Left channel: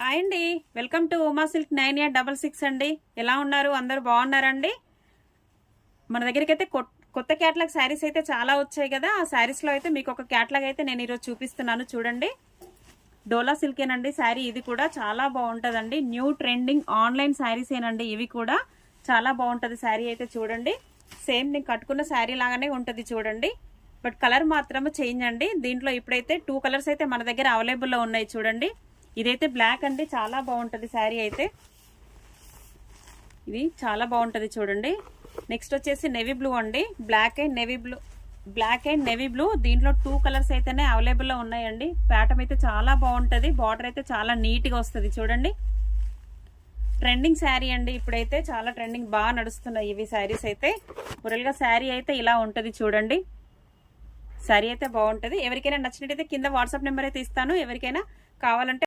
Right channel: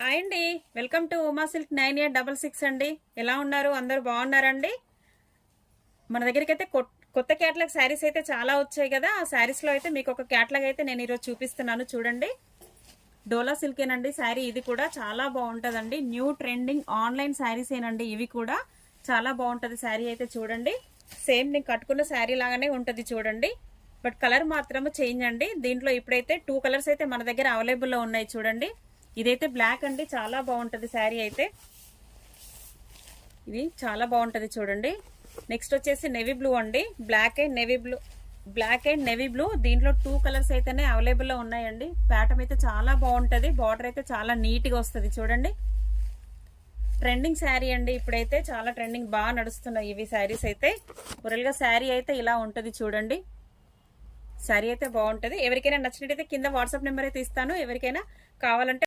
Hi అండి, welcome to Uma silk 9866 అండి. ఎలా ఉన్నారు? అందరూ బాగున్నారండి? మన దగ్గరికి అయితే కొత్త క్యాటలాగ్ శారీస్ అయితే చాలా వచ్చాయి కదా. ఆ శారీస్ లో అయితే మీకు ఒక క్యాటలాగ్ అయితే నేను ఈరోజు చూపిస్తున్నాను. చూడండి, డోలా సిల్కేనండి శారీ. ఇది కూడా చాలా బాగుంటుందండి. న్యూ ట్రెండింగ్ ఆన్లైన్ శారీస్ ఏనండి. ఇవి కూడా చాలా బాగుంటుంది శారీ అయితే. చూడండి, సేమ్ నేను కట్టుకున్న శారీ లాగానే ఉంటుంది చూడండి. బట్ కలర్ మాత్రం చేంజ్ అండి. దీంట్లో ఇప్పుడైతే 2 కలర్స్ అయితే మన దగ్గర అవైలబుల్లో ఉన్నాయి. చూడండి, ఇదైతే బ్లాక్ అండి, చాలా బాగుంటుంది శారీ అయితే. ఇది చాలా బాగుంటుంది చూడండి. నెక్స్ట్ వచ్చేసి నెవీ బ్లూ అండి. Black and navy blue. దీంట్లో 2 కలర్స్ అయితేనే అవైలబుల్లో ఉన్నాయండి. ప్యాటర్న్ అయితే చాలా బాగుంటుంది. బార్డర్ అయితే చాలా నీట్గా వస్తుంది చూడండి. ట్రెండింగ్ శారీ అండి. ఇప్పుడైతే చాలా ట్రెండింగ్, బాగా నడుస్తున్నాయి ఇవి శారీస్ అయితే. ఒరల్గా శారీ అయితే ఇలా ఉంటుంది చూడండి. శారీ అయితే బాగుంటుంది. ఎవరికైనా నచ్చినట్టయితే కింద వాట్సాప్ నెంబర్ అయితే ఇస్తాను. ఎవరికైనా కావాలంటే